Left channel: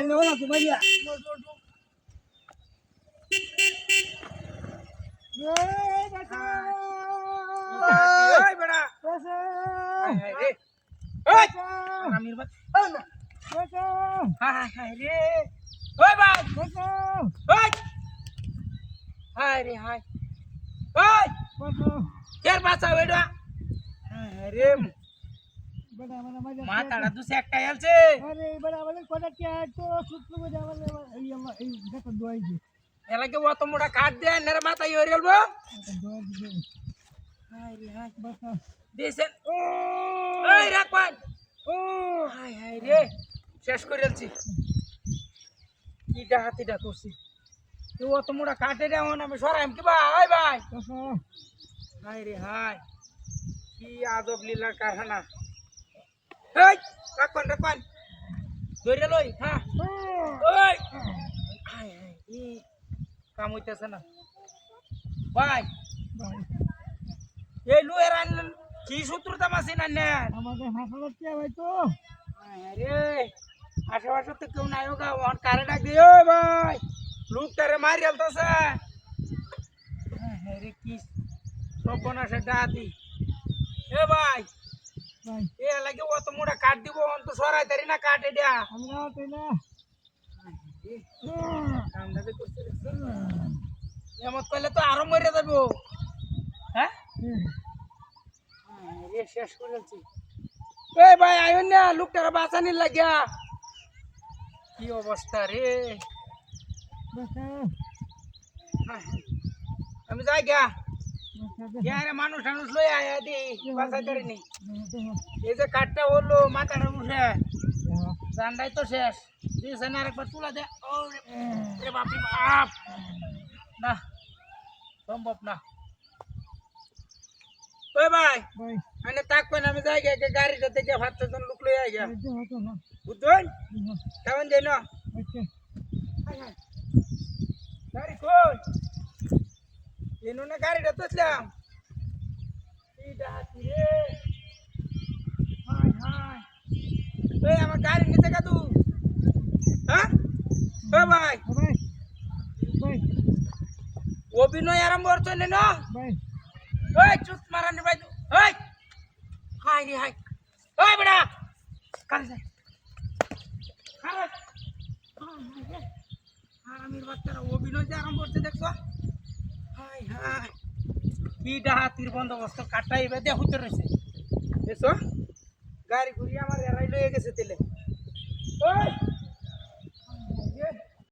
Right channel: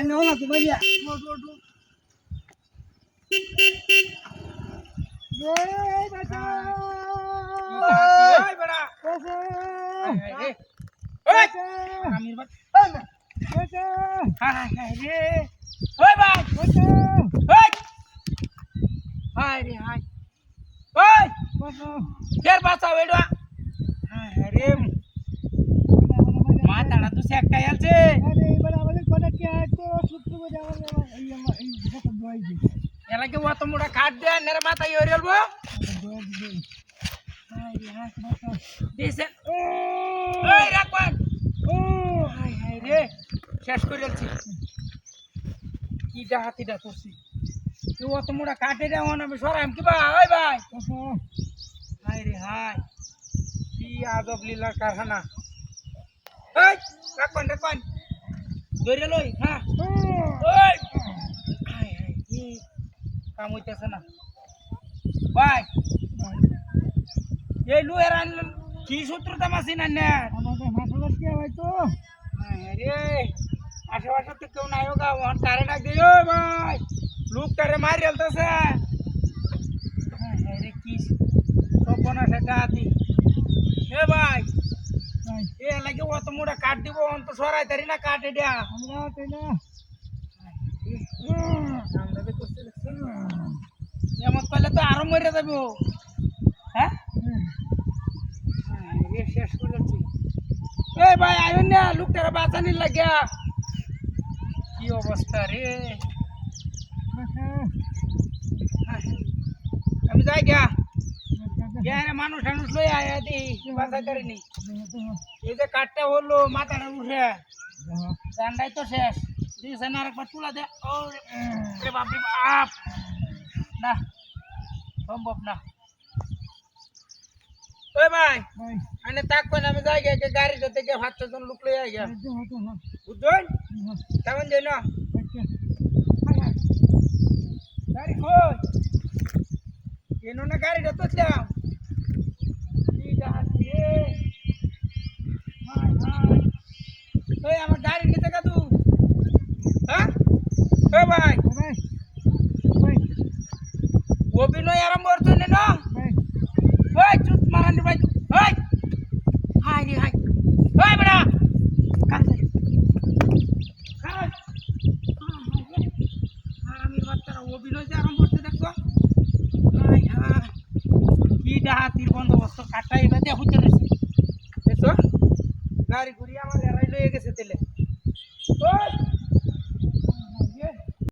No, no, tu Maria. માતાડા તું સેકટા યાર છે અરે બરાબર કોને કે આ તો સુત્ર બજાવલે এই কথা দোয়াই দি એલા કે વો તો મોડા ખાટ દે નેરે માતા યોરિયલ બો દોয়াই দি હાય હાય બસ દેસે ઓય રાખવા ઓ હાય હાય রে শেষ কইরাল ছি কিডা হাতিডা করছি তো ও তো মোড়া কাটে দেও না আমি সরাইম কি ভাই ওই ভাই হায় রে হায় কি আজব লীলা কারখানা এই রাখবান ধরে লই হ্যাঁ ওই হায় হায় কি কাম হইতাছে না ভাই এই লুয়ের আনলেন কি সূত্রতা মাসি না না আমাদের হাসপাতাল কি ভাই তো আরে আশেপাশে তো কেউ নাই হোগা ওন কারে ডাক দিও ভাই লোক তারে মারি আলতাছে আরে কি সপনা সেটা আতি এ ভাই ভাই এ লাগে ও তো মোড়া কাট দিব অন তো সরাই তারি না কাটে দিয়া আমরা তো না আমরা তো করতে এমন করলে তো আরো মরে যাবে হ্যাঁ রে শেষ করে যাচ্ছি এই ভাই আয়ন না লোকটারে বাঁচানির লাগিয়া কি অবস্থা রে আমি যাই গা রে মানুষ টানুষ লই আয়া দি বাঁচা করিনি এই যে কাঠটা হলো মাথাটা উঠে জানটাই তো শেষ দিয়েছে না আরেকবার তুলা দে ও রে বাপ রে বাপ না সম্ভব না ওই ভাই ভাই আনে তাক কোন আমি যাই গে গাড়িটা থেকে ভাত জন লোক লই আই গা তো হতো না বুঝছেন কেমন যাই না আচ্ছা গাড়ি কই এনো না গাড়িটা তোছলাম কি ডাকি রে হাই হাই এই আমার গাড়ি নিতে কাদু হ্যাঁ ও ভাই ভাই ভাই অভিনয় আরম্ভ করছো না ভাই ওই চুপ মারানি ভাই ওই হাই রে হাই ওই বড়া কাল যাই কাল আমি বাচ্চারা অভিনয় যে আরম্ভ করতে দেখছো হাই হাই কি ডাহাতির বন্দোবস্ত কাটাই বেঁধে হইতে রয়েছে দেখছো গাড়ি ঘুরিয়ে আমার এরাই লয়ে গেছে তেলে ওই